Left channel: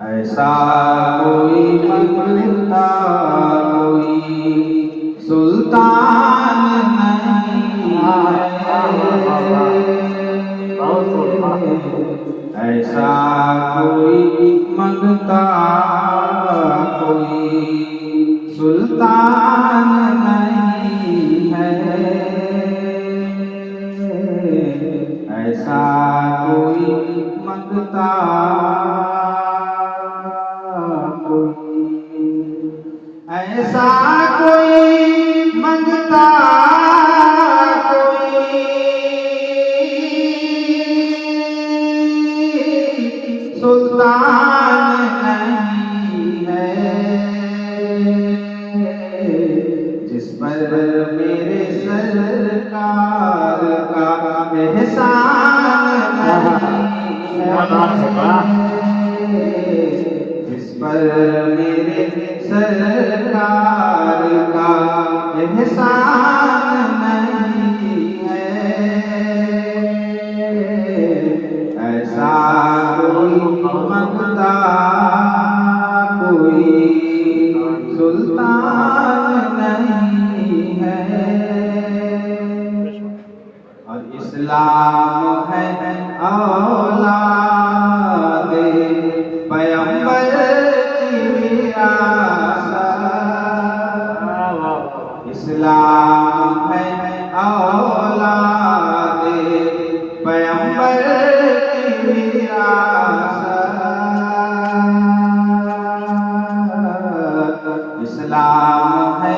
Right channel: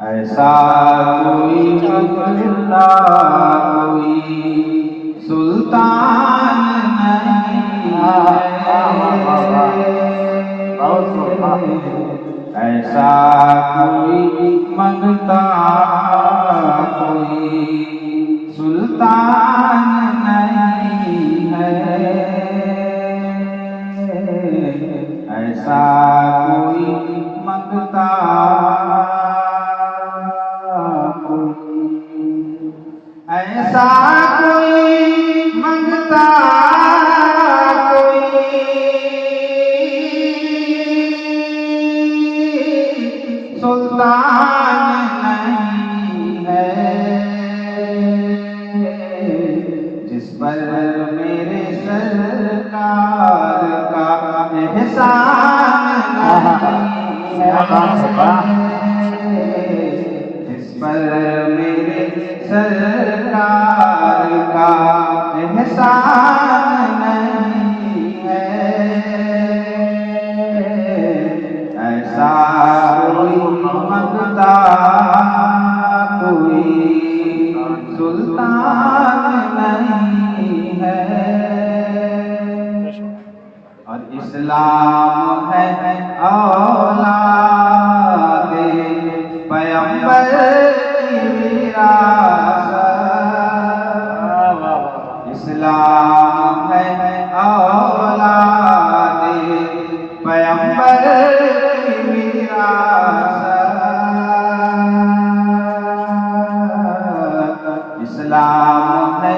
ایسا کوئی منگتا کوئی سلطان نہیں ہے، ایسا کوئی منگتا کوئی سلطان نہیں ہے، ایسا کوئی منگتا ایسا کوئی منگتا کوئی سلطان نہیں ہے، جس پر میرے سرکار کا احسان جس پر میرے سرکار کا احسان نہیں ہے، ایسا کوئی منگتا کوئی سلطان نہیں ہے، اور اسلام ہے اولاد پیغمبر کی وراثت، اسلام ہے اولاد پیغمبر کی وراثت، اسلام ہے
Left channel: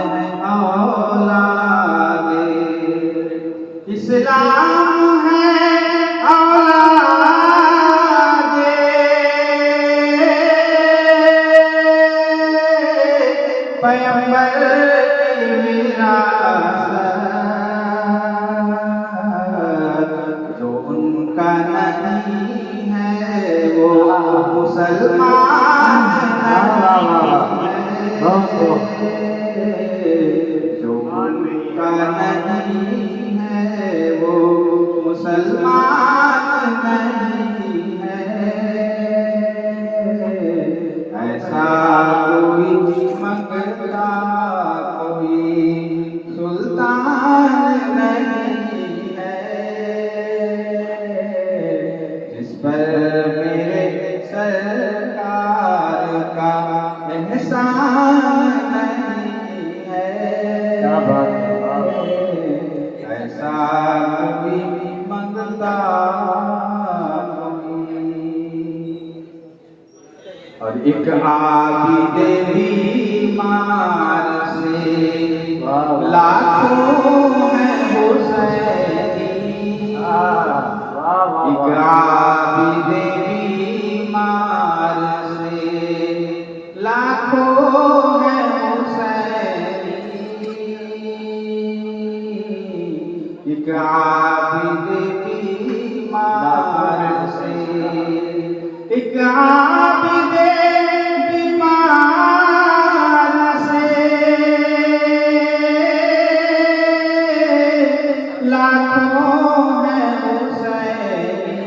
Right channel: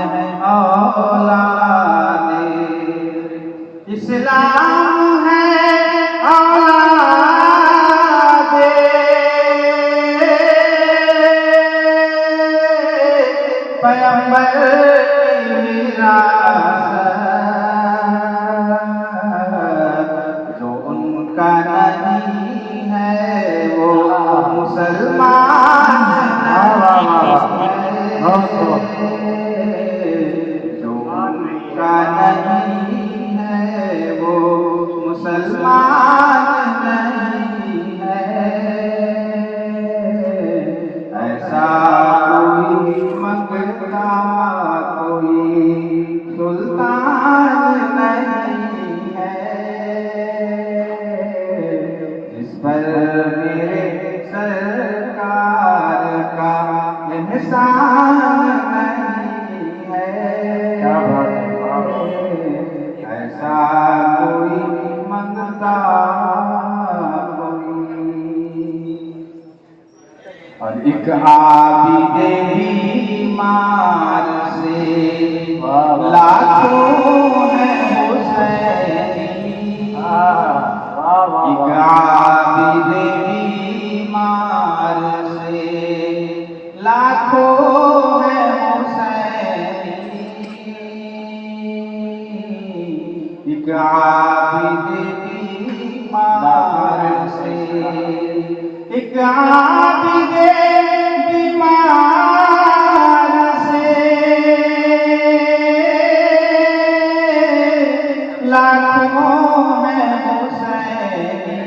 اولاد، اسلام ہے اولاد پیغمبر کی وراثت، جو ان کا نہیں ہے وہ مسلمان نہیں ہے، جو ان کا نہیں ہے وہ مسلمان نہیں ہے، ایسا کوئی منگتا کوئی سلطان نہیں ہے، جس پر میرے سرکار کا احسان نہیں ہے، ایسا کوئی منگتا کوئی، اور ایک عابد بیمار سے لاکھوں ہیں حسینی، ایک عابد بیمار سے لاکھوں ہیں حسینی، ایک عابد بیمار سے ایک عابد بیمار سے لاکھوں ہیں حسینی،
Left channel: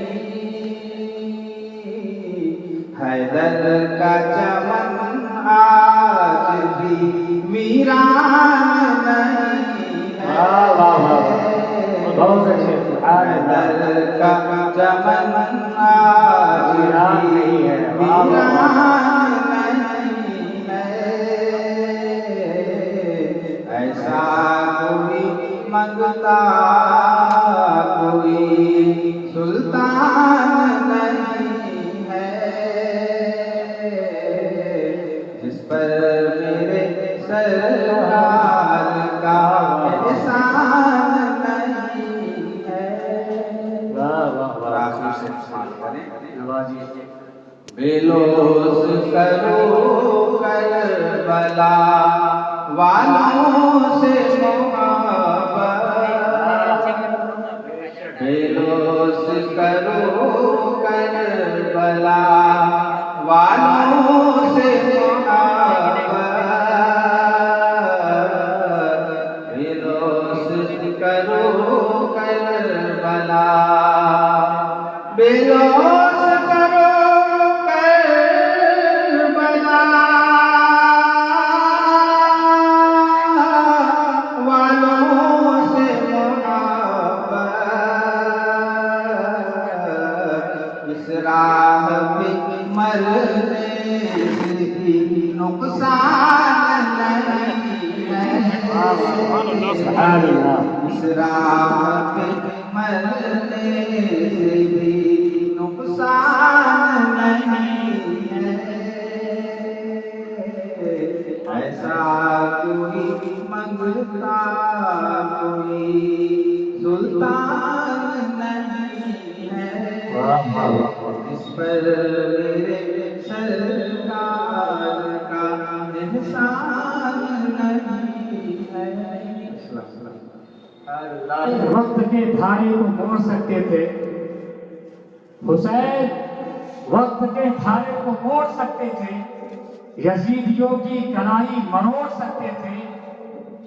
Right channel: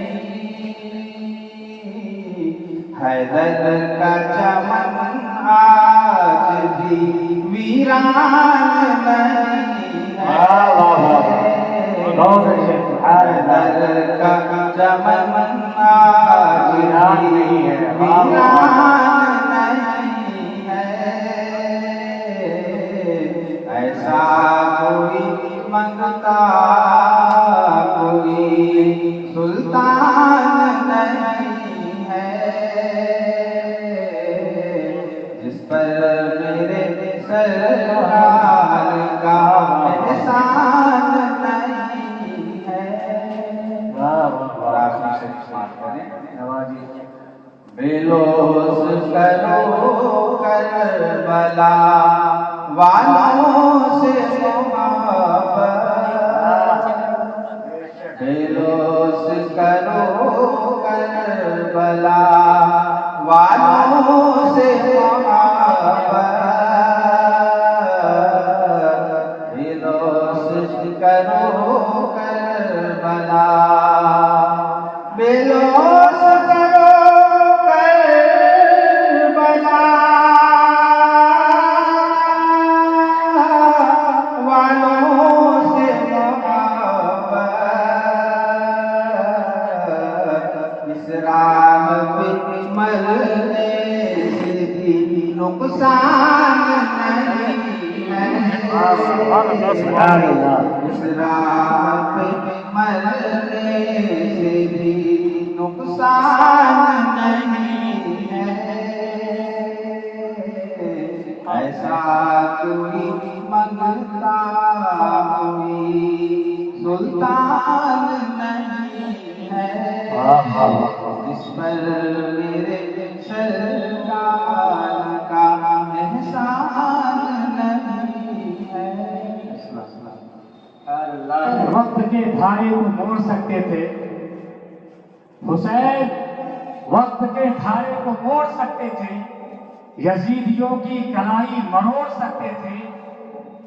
حیدر کا چمن آج بھی ویران نہیں ہے، حیدر کا چمن آج بھی ویران نہیں ہے، ایسا کوئی منگتا کوئی سلطان نہیں ہے، جس پر میرے سرکار کا احسان نہیں ہے، بے لوث کرو کربلا والوں سے محبت، بے لوث کرو کربلا والوں سے محبت، بے لوث کرو کربلا، بے لوث کرو کربلا مرنے سے بھی نقصان نہیں ہے، اس راہ پہ مرنے سے بھی نقصان نہیں ہے، ایسا کوئی منگتا کوئی سلطان نہیں ہے، جس پر میرے سرکار کا احسان نہیں ہے۔ وقت کے دھارے کو موڑ سکتے تھے حسین، وقت کے دھارے کو موڑ سکتے تھے، یزیدیوں کی کلائی مروڑ سکتے تھے،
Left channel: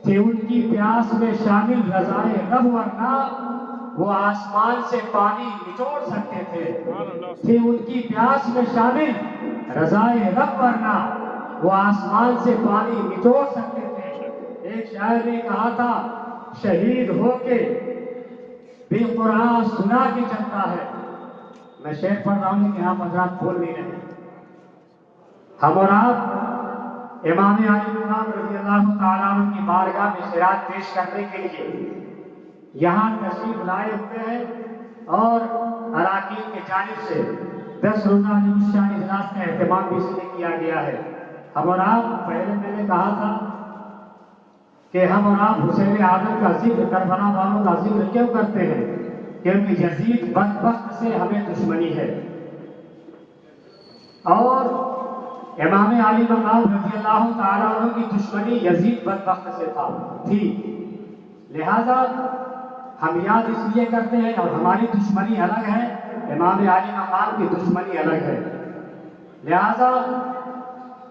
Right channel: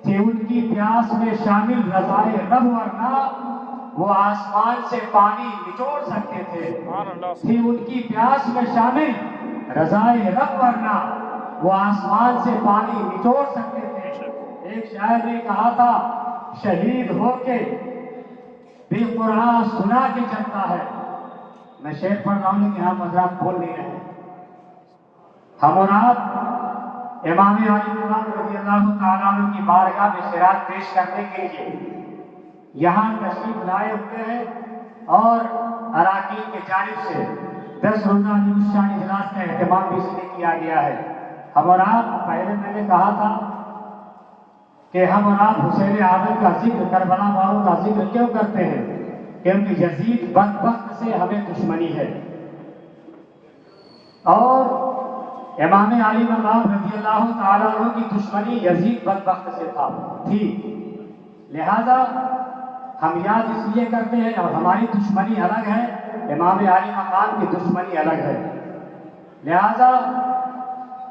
تھے ان کی پیاس میں شامل رضائے رب، ورنہ وہ آسمان سے پانی نچوڑ سکتے تھے، تھے ان کی پیاس میں شامل رضائے رب، ورنہ وہ آسمان سے پانی نچوڑ سکتے تھے۔ ایک شاعر نے کہا تھا شہید ہو کے بے قرآن سنا کے چلتا ہے، میں شعر پڑھ رہا ہوں کہ آپ حضرات بول نہیں رہے۔ ہم اور آپ امام علی مقام رضی اللہ تعالیٰ عنہ کی بارگاہ میں خیرات پیش کرنے کے لیے یہاں تشریف لائے ہوئے ہیں، اور اراکین کی جانب سے 10 روزہ شان اجلاس کا اہتمام بھی اس لیے کیا گیا ہے۔ ہم اور آپ، پہلے میں نے کہا تھا کہ ہم اور آپ حسین عادل کا ذکر، کربلا والوں کا ذکر کیوں کرتے ہیں؟ کیونکہ یزید بدبخت سے ہمیں دشمنی ہے، اور امام علی مقام رضی اللہ تعالیٰ عنہ کی دشمنی یزید بدبخت سے تھی، لہذا ہم یاد اس لیے کرتے ہیں، اور ہماری دشمنی الگ ہے، امام علی مقام کی دشمنی الگ ہے۔ لہذا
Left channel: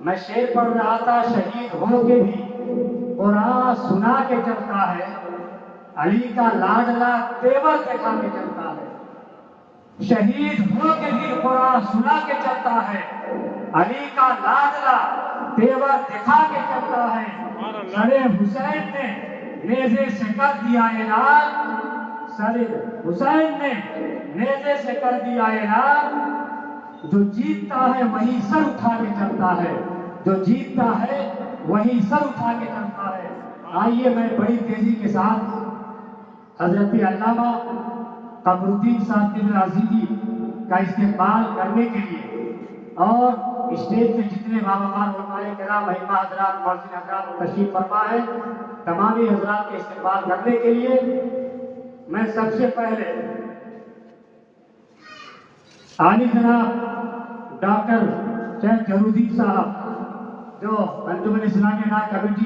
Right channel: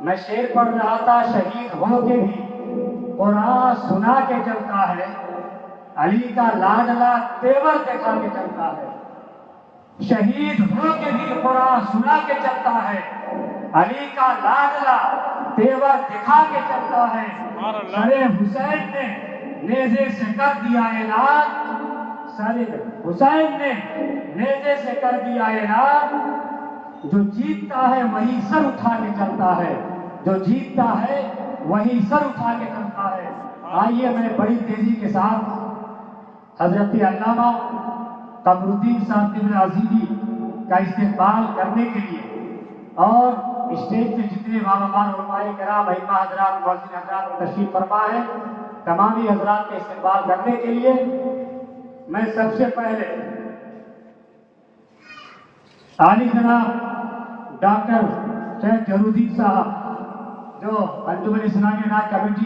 میں شعر پڑھ رہا تھا شہید ہو کے بھی قرآن سنا کے چلتا ہے، علی کا لاڈلا تیور دکھا کے چلتا ہے، شہید ہو کے بھی قرآن سنا کے چلتا ہے، علی کا لاڈلا تیور دکھا کے چلتا ہے، سر حسین نے نیزے سے کر دیا اعلان، سر حسین نے نیزے سے کر دیا اعلان، جو جیتتا ہے وہی سر اٹھا کے چلتا ہے، جو جیتتا ہے وہی سر اٹھا کے چلتا ہے۔ آئیے میں بڑی تیزی کے ساتھ حضرت علامہ قمر الدین صاحب ابن عزیزی کا استقبال کرنے کے لیے، اور اسٹیج پہ جتنے باوقار علماء کرام، ائمہ حضرات، مؤذن حضرات تشریف فرما ہے، تمامی حضرات کے استقبال کرنے کے لیے میں سب سے پہلے عالی جناب ڈاکٹر شیخ جہرالدین صاحب جو انجمن اسلامی کمیٹی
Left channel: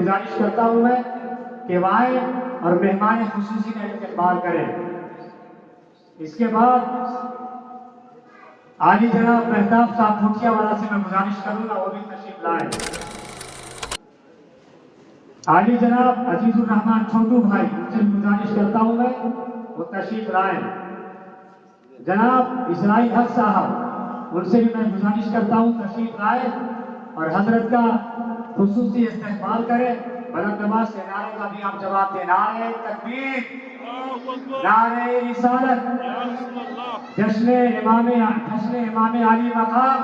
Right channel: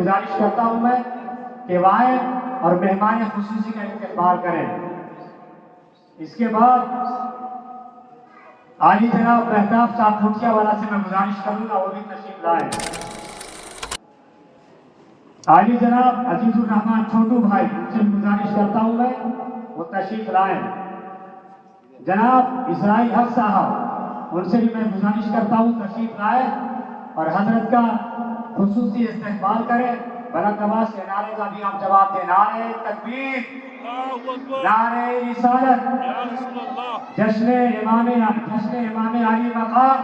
گزارش کرتا ہوں میں کہ وہ آئیں اور مہمان خصوصی کا استقبال کریں۔ اس کے بعد عالی جناب مہتاب صاحب بھوٹیا والا سے میں گزارش کروں گا وہ بھی تشریف لائیں۔ عالی جناب عزیز الرحمان چھوٹو بھائی، ان سے گزارش کرتا ہوں میں وہ تشریف لائیں۔ جناب اسرائیل حق صاحب، ان سے بھی میں گزارش کرتا ہوں تشریف لائیں اور حضرت کا خصوصی استقبال کریں۔ بلند آواز سے نعرے کا بھی آپ جواب دیں، نعرہ تکبیر، نعرہ رسالت، جشن امام علی مقام،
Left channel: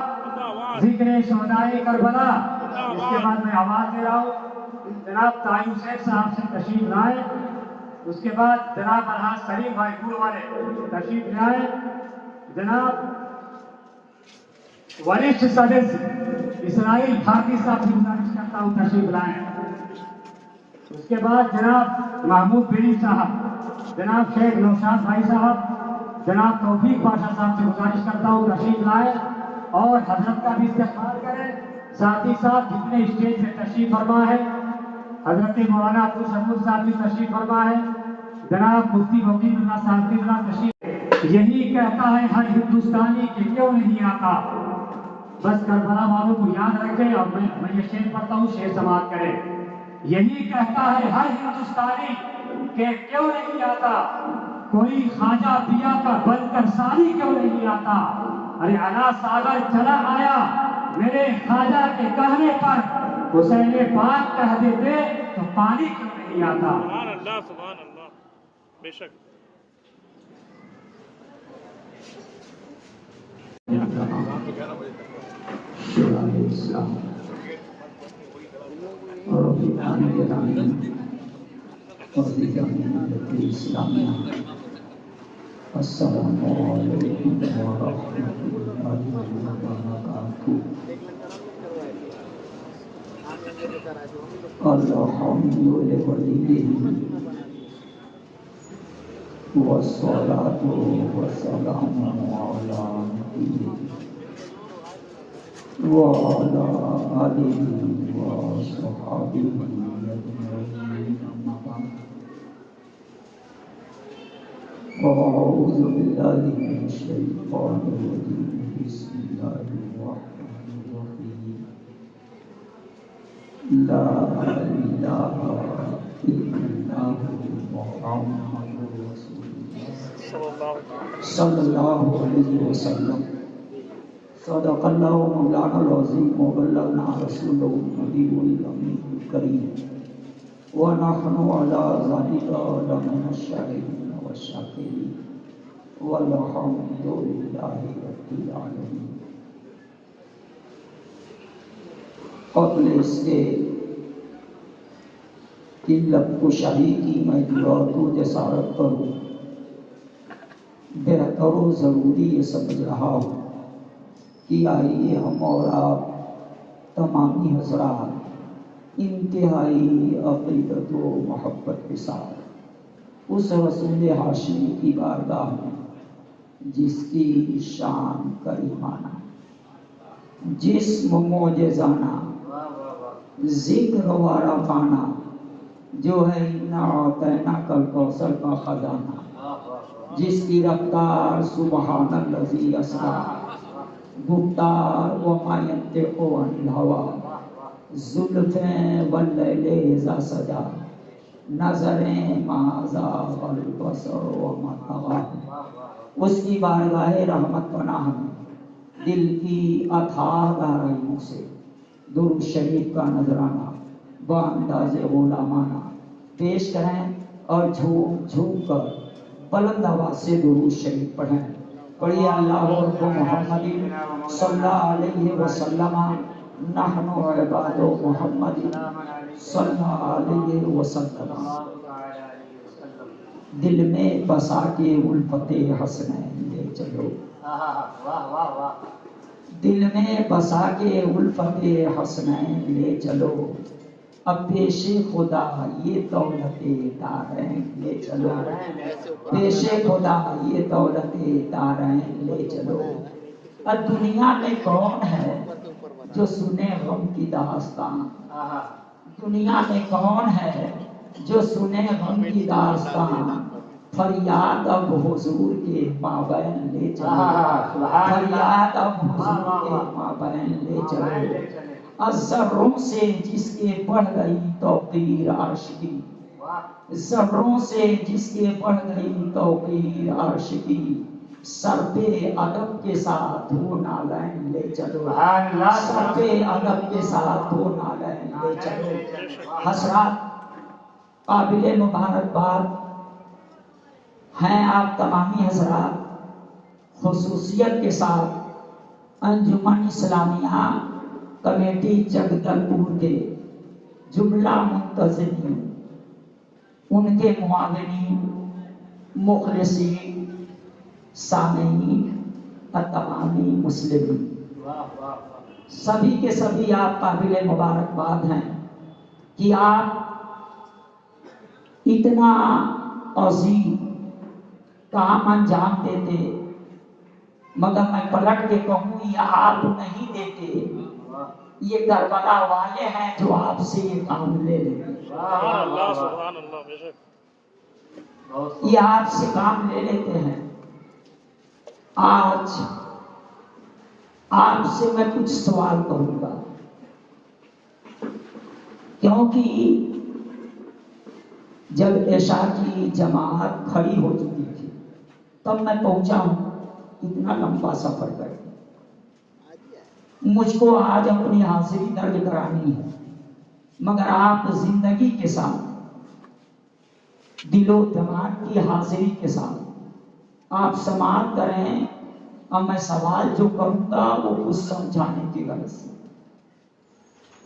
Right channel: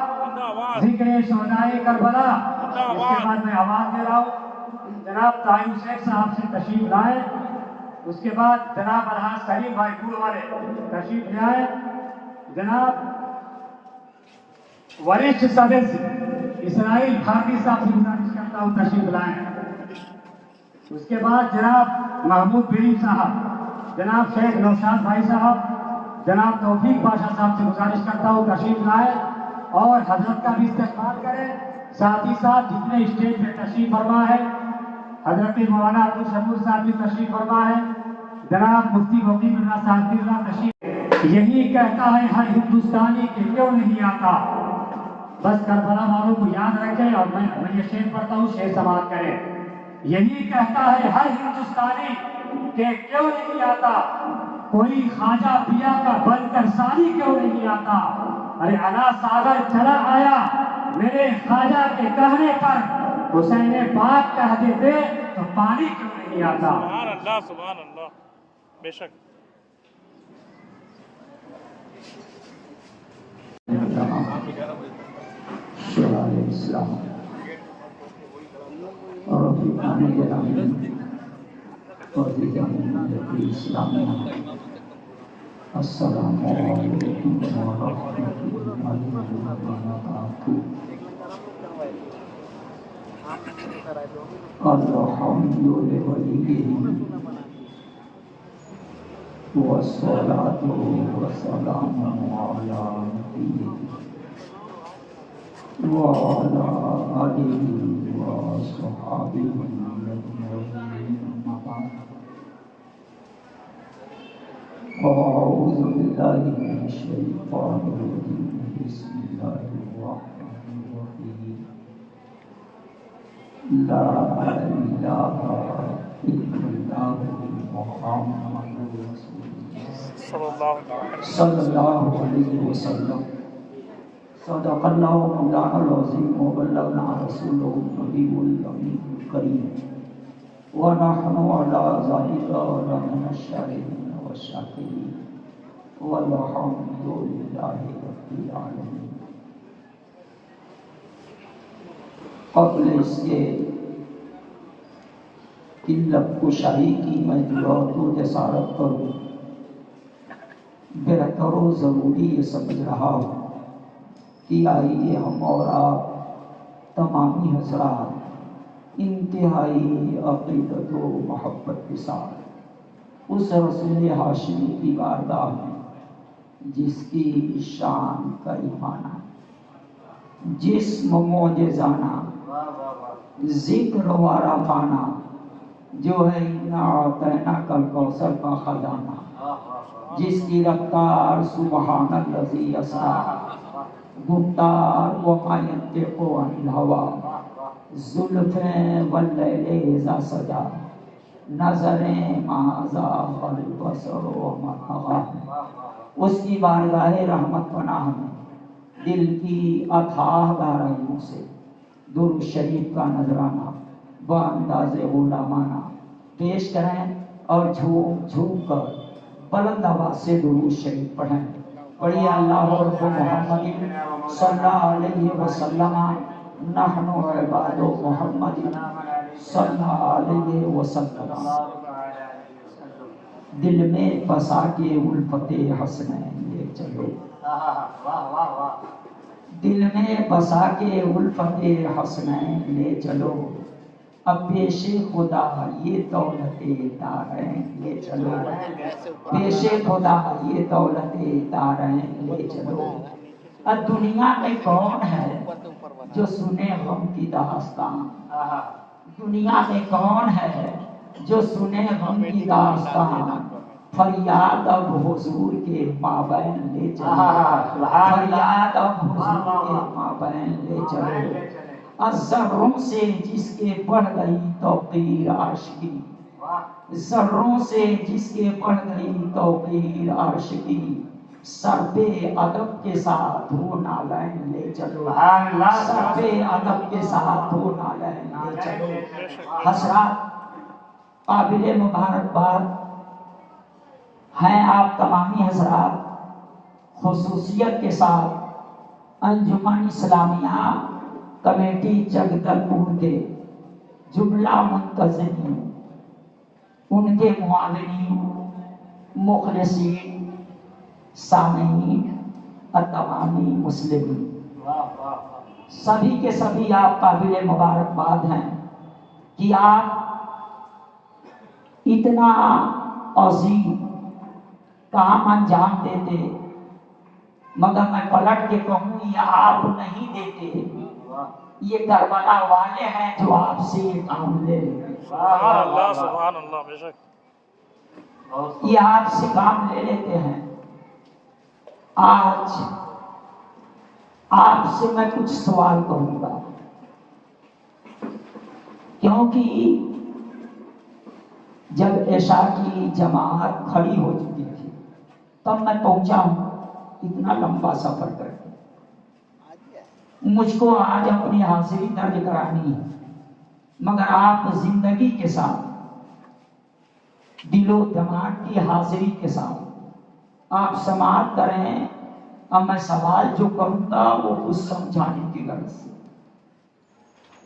ذکر شہدائے کربلا۔ اس کے بعد میں آواز دے رہا ہوں جناب طاہر شیخ صاحب سے تشریف لائیں، اس کے بعد جناب الحاج سلیم بھائی گور والے تشریف لائیں، جناب وریشٹھ سدسیہ اسرائیل بھارتی صاحب سے گزارش کرتا ہوں تشریف لائیں، اس کے بعد جناب محمود بری صاحب، جناب شیخ نوشاد بھائی صاحب، جناب توفیق پاشا صاحب سے گزارش کرتا ہوں تشریف لائیں اور حضرت کا بھی استقبال کریں۔ ساتھ ہی ساتھ جتنے اسٹیج پہ تشریف فرما ہے، حضرت مولانا عبدالشکور صاحب بھی تشریف فرما ہے، جناب مفتی وکیل اللہ صاحب بھی تشریف۔ یہی کہتا ہے ہر ہندوستانی کہ کیوں نہیں آتا، بس کربلا والوں کو یاد رکھیں، اور میں یہ شعر پڑھتا ہوں، شعر سماعت کریں۔ یہی کہتا ہے ہر ہندوستانی کہ کیوں نہیں آتا، کوئی خواجہ پیا کا بن کر سانی کیوں نہیں آتا، ارے انا ساگر چلا آیا میرے خواجہ کے کہنے پر، حسین پاک کہہ دیتے تو پانی کیوں نہیں آتا۔ سبحان اللہ، سبحان اللہ، بے شک۔ شورائے اسلام اور رفیقان گرامی اور دیگر ملت اسلامیہ، السلام علیکم ورحمۃ اللہ وبرکاتہ۔ الحمد للہ والصلاة والسلام علی نبیہ وعلی آلہ وصحبہ اجمعین، اما بعد۔ اعوذ باللہ من الشیطان الرجیم، بسم اللہ الرحمن الرحیم، لا الہ الا اللہ محمد رسول صلی اللہ علیہ وسلم۔ صدق اللہ مولانا العظیم وبلغنا رسولہ النبی الامین الکریم، ونحن علی ذلک لمن الشاہدین والشاکرین، والحمد للہ رب العالمین۔ قبل اس کے علت کشائی کی میں دعا جسارت کروں، بہتر و ضروری یہ سمجھ رہا ہوں کہ آئیے ہم اور آپ تمامی حضرات انتہائی عقیدت و محبت کے ساتھ اس رسول ہاشمی کی بارگاہ میں، جس کی شان کریمانہ، جسم معجزانہ، ذکر و عرفانہ، جو ہے اِنَّا أَعْطَيْنَاكَ الْكَوْثَرَ کا خزانہ، جس کی رفتار سبحان الذی اسریٰ، گفتار وما ينطق عن الهوى، زلفیں واللیل اذا سجا، نظریں ما زاغ البصر وما طغى۔ اس کی بارگاہ رحمت پناہ میں دل کی اتھاہ گہرائیوں سے درود شریف کا نذرانہ بانداز غلامانہ پیش کریں اور جھوم جھوم کر بلند آواز سے درود شریف پڑھیں۔ پڑھیے اللہ رب محمد صلی اللہ علیہ وسلم، نحن عباد محمد صلی اللہ علیہ وسلم۔ دل میں بسا کے الفت حسنین لے چلو، دل میں بسا کے الفت حسنین لے چلو، اب پیش خدا یہ دولت دارین لے چلو، پیش خدا یہ دولت دارین لے چلو۔ اب دنیا میں کون ہے جو سنے غم کی داستان، دنیا میں کون ہے جو سنے غم کی داستان، فریاد اب حضور کے مابین لے چلو، فریاد اب حضور کے مابین لے چلو۔ ذروں سے جس کے بڑھ گئی توقیر عاشقی، ذروں سے جس کے بڑھ گئی توقیر عاشقی، سر پہ ادب کے ساتھ وہ نالین لے چلو، سر پہ ادب کے ساتھ وہ نالین لے چلو۔ حضرات قابل مبارکباد ہیں آپ تمامی حضرات، خصوصیت کے ساتھ انجمن اسلامیہ کمیٹی جگدلپور کے جملہ منتظمین، ان کے معاونین، مخلصین، سامعین، تمامی مسلمین، سبھی کے سبھی آپ قابل مبارکباد ہیں کہ آپ اتنا عظیم کام انجام دیتے، مگر میں پلٹ کے کہوں یہ آپ نہیں دیتے، یہ کربلا والے ہیں جو آپ سے یہ کام لے لیتے۔ سبحان اللہ سبحان اللہ، بے شک یہ آپ سے کام لے لیتے ہیں۔ آج آپ سے میں کچھ سوال کروں گا، کیونکہ جب عشاء کی جماعت کھڑی ہو چکی تھی تب میں پہنچا ہوں، اتنا لمبا سفر کر کے مجھ کو آج اپنی حاضری درج کرانی ہے، مگر آپ زندگی کے ساتھ، دل و دماغ کی حاضری کے ساتھ آپ سماعت کریں اب میں سوال جو کروں گا وہ کچھ سمجھانے کی غرض سے۔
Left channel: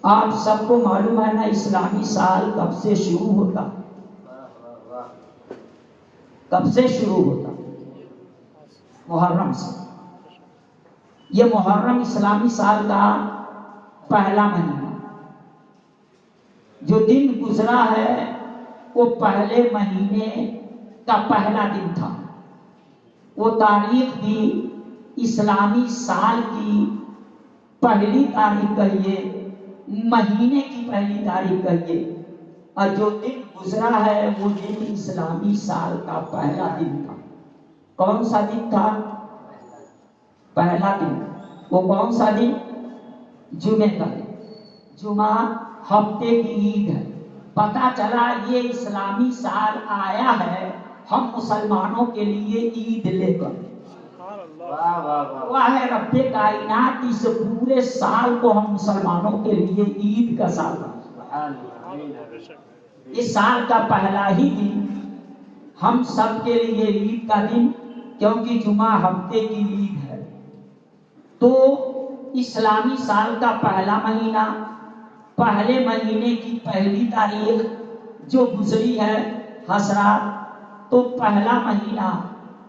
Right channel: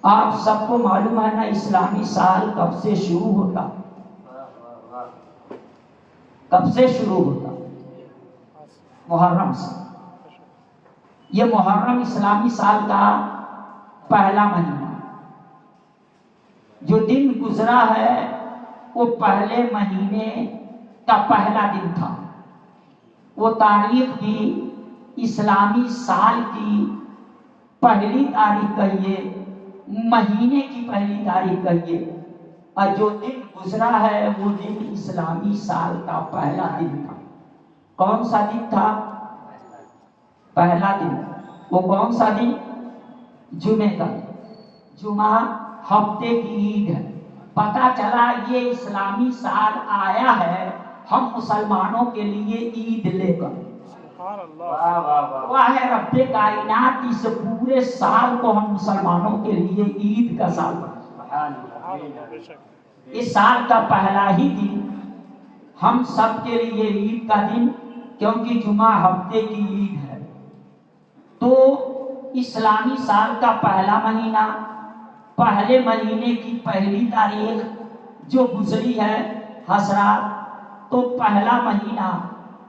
آپ سب کو معلوم ہے نا اسلامی سال کب سے شروع ہوتا؟ کب سے شروع ہوتا؟ محرم سے۔ یہ محرم اسلامی سال کا پہلا مہینہ، جو دن گزرا ہے وہ پہلے مہینے کا پہلا دن تھا۔ وہ تاریخ بھی اسلامی سال کی پہلی تاریخ کہیے، مہینے کی پہلی تاریخ کہیے، اور جو دن گزرا ہے وہ دن اسلامی سال کا پہلا دن تھا۔ کون سا دن تھا؟ پہلا دن۔ وہ کون سا دن؟ جمعے کا دن۔ جمعہ ہفتے کی عید ہے۔ پتہ چلا یہ اسلامی سال آیا ہے ہم مسلمانوں کے لیے عید لے کر۔ وہ ہے رب کائنات، اس پورے سال کو ہم مسلمانوں کے لیے عید کا سال بنا۔ اس سال کا پہلا ہی دن ہم سب کے لیے عید کا دن، کیونکہ جمعہ ہفتے کی عید ہے۔ تو اسلامی سال کا پہلا مہینہ، پہلے مہینے کی پہلی تاریخ جو گزری ہے حضرات، تو پہلا مہینہ،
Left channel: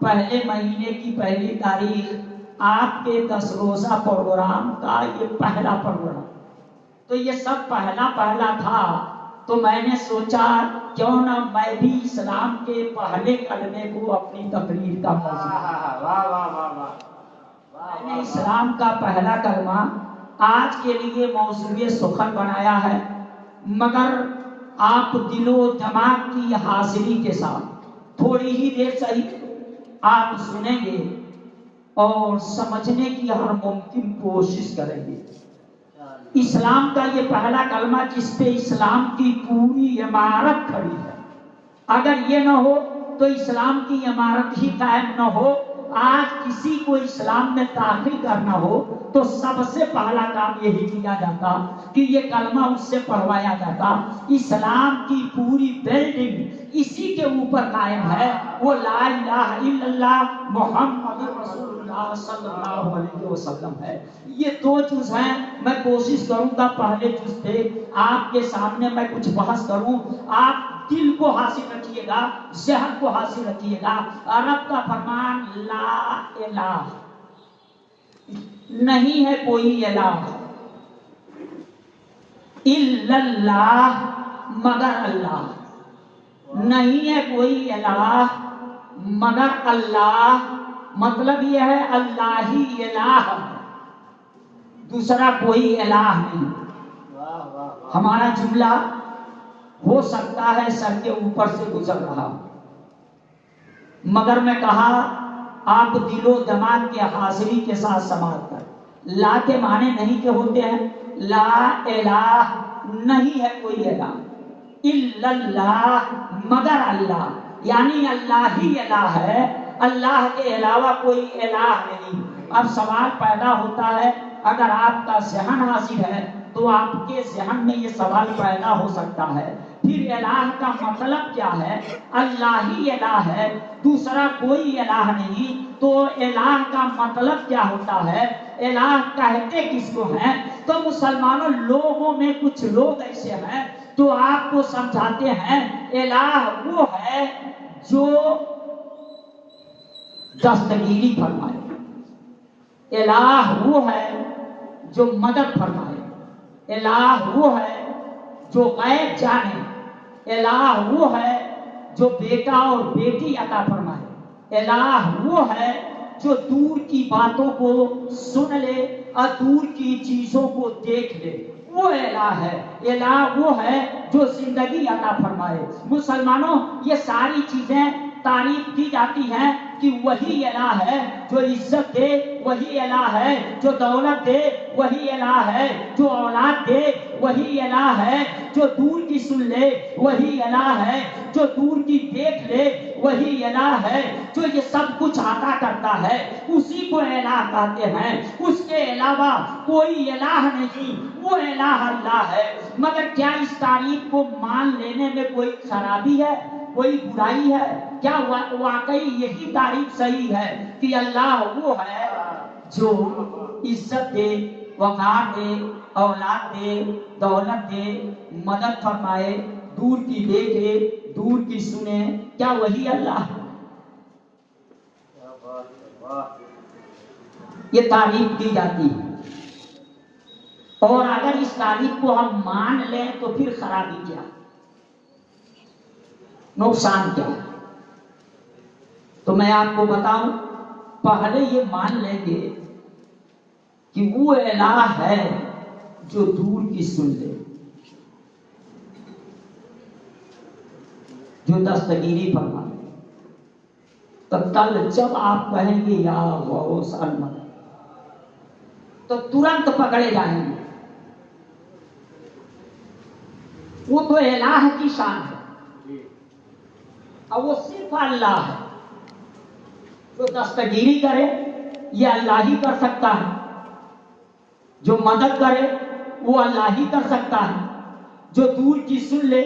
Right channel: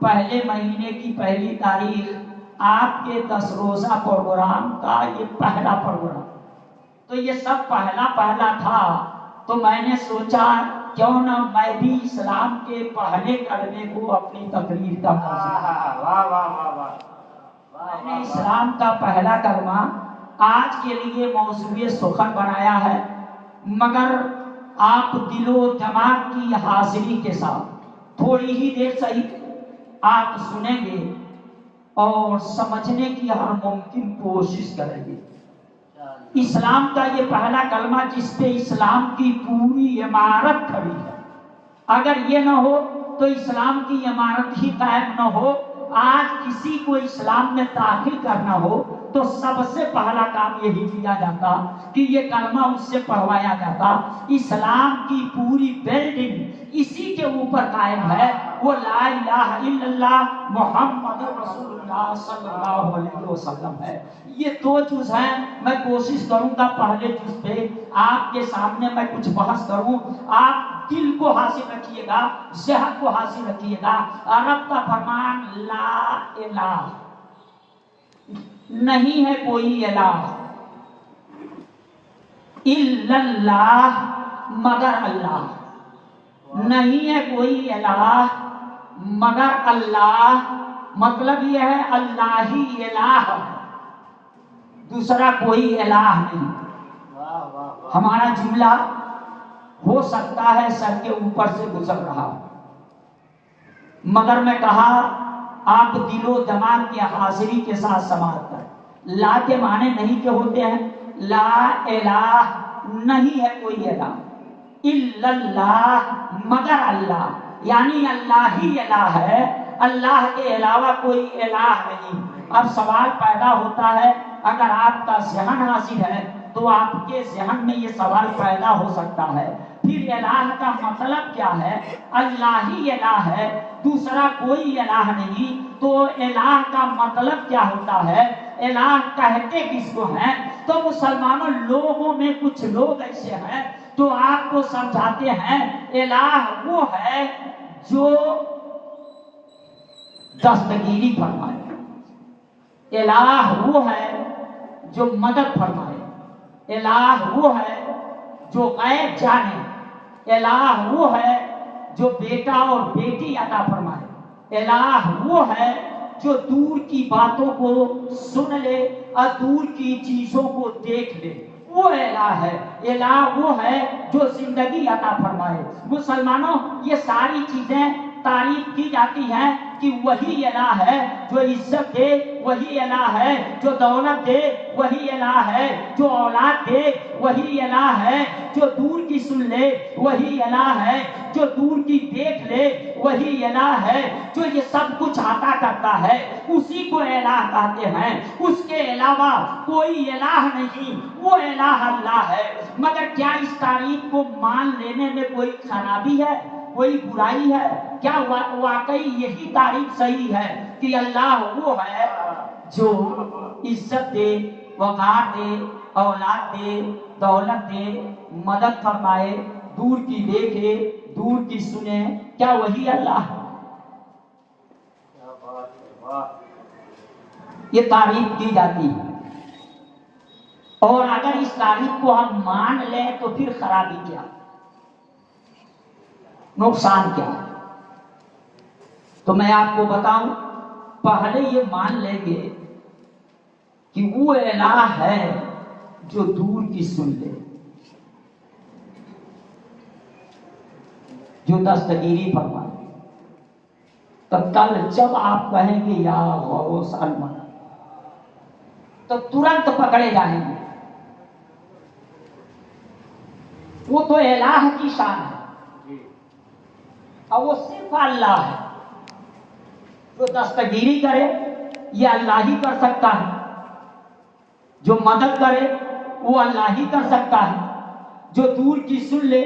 پہلے مہینے کی پہلی تاریخ آپ کے 10 روزہ پروگرام کا یہ پہلا پروگرام۔ تو یہ سب پہلا پہلا تھا، تو میں نے سوچا کیوں نہ میں بھی اسلام کے پہلے کلمے کو اپنی تقریر کا میں نے اسلام کا پہلا کلمہ آج کے لیے موضوع سخن بنایا ہے، مگر آپ دل و دماغ کی حاضری کے ساتھ تھوڑی ہی دیر صحیح آپ سنیں گے اور سمجھنے کی ہر ممکن کوشش کریں گے۔ اسلام کا یہ پہلا کلمہ جس پہ اسلام کی پوری عمارت کھڑی ہے، اگر یہ نہ ہو تو اسلام کی عمارت ہی قائم نہ ہو۔ آج کسی کو اسلام میں داخل کرنا ہو تو سب سے پہلا کام یہی کیا جاتا کہ یہ کلمہ اس سے پڑھوایا جاتا۔ اسلام کی پوری بلڈنگ اسی کے اوپر قائم ہے، وہ لا الہ الا اللہ محمد رسول اللہ صلی اللہ علیہ وسلم ہے۔ یہ 2 جز ہیں، میں کوشش کروں گا پہلے جز پہ آپ کے سامنے میں کچھ بحث کروں۔ آپ دل کو حاصل رکھیے گا، ذہن کو حاصل رکھیے گا۔ رب کا فرمان لا الہ، نہیں ہے کوئی الہ الا اللہ، مگر اللہ، نہیں ہے کوئی الہ مگر اللہ۔ مطلب یہ ہے اللہ ہی الہ ہے، دوسرا کوئی الہ نہیں۔ ہمارا جملہ ہو سکتا ہے سر کے اوپر سے گزر رہا، مگر میں کہا آپ دل و دماغ کی حاضری کے ساتھ سماعت کر۔ لا کے معنی نہیں کے ہوتے ہیں، لا الہ، نہیں ہے کوئی الہ، الا اللہ، مگر اللہ، یعنی اللہ ہی الہ ہے، اللہ کے علاوہ کوئی الہ نہیں۔ اب سوال پیدا ہوتا ہے، اگر آپ کا ذہن حاضر ہے تو آپ کے ذہن میں یہ سوال پیدا ہو سکتا ہے، پھر الہ کا مطلب کیا ہے؟ اللہ ہی الہ ہے، دوسرا کوئی الہ نہیں، تو الہ کا مطلب کیا ہوتا ہے؟ الہ کہتے کس کو ہیں؟ تو مسلمانوں لوگوں میں کچھ لوگ ایسے ہیں تو آپ کو سمجھاتے ہیں الہ وہ ہے جو دستگیری فرمائے، الہ وہ ہے جو مدد فرمائے، الہ وہ ہے جو غیب جانے، الہ وہ ہے جو بیٹا اور بیٹی عطا فرمائے، الہ وہ ہے جو دور کی باتوں کو سن لے اور دور کی چیزوں کو دیکھ لے، وہ الہ ہے۔ الہ وہ ہے جو زندگی عطا فرمائے۔ مسلمانوں یہ ساری چیزیں تعریف کی جاتی ہیں کہ وہی الہ ہے جو عزت دے، وہی الہ ہے جو دولت دے، وہی الہ ہے جو اولاد دے، وہی الہ ہے جو دور کی سن لے، وہی الہ ہے جو دور کی دیکھ لے، وہی الہ ہے جو یہ سب کچھ عطا کرتا ہے، اسی کو الہ کہتے ہیں۔ اس کے علاوہ کوئی الہ نہیں، وہ الہ اللہ ہے۔ مگر کیا اس تعریف کو مان لینے میں کوئی خرابی ہے، کوئی برائی ہے؟ کیا واقعی یہی تعریف صحیح ہے کہ اللہ وہ ہے جو عزت دے، وقار دے، اولاد دے، دولت دے، مدد فرمائے، دور کی دیکھے، دور کی سنے، کیا وہی اللہ ہے؟ یہ تعریف کی جاتی ہے، اور اگر اس تعریف کو ہم مان لیں تو پھر خرابی کیا، نقصان کیا ہے؟ تو میں آپ کو بتاؤں، پہلے یہ مان لیں گے کہ وہ الہ ہے جو دور کی سن لے، جو دستگیری فرمائے، تو کل جب آپ کہیں گے یا غوث المدد تو ترنت پکڑے جائیں گے۔ وہ تو الہ کی شان ہے، اور وہ صرف اللہ ہے، جو دستگیری کرے یہ اللہ ہی کر سکتا ہے، جو مدد کرے وہ اللہ ہی کر سکتا ہے، جو دور کی سن لے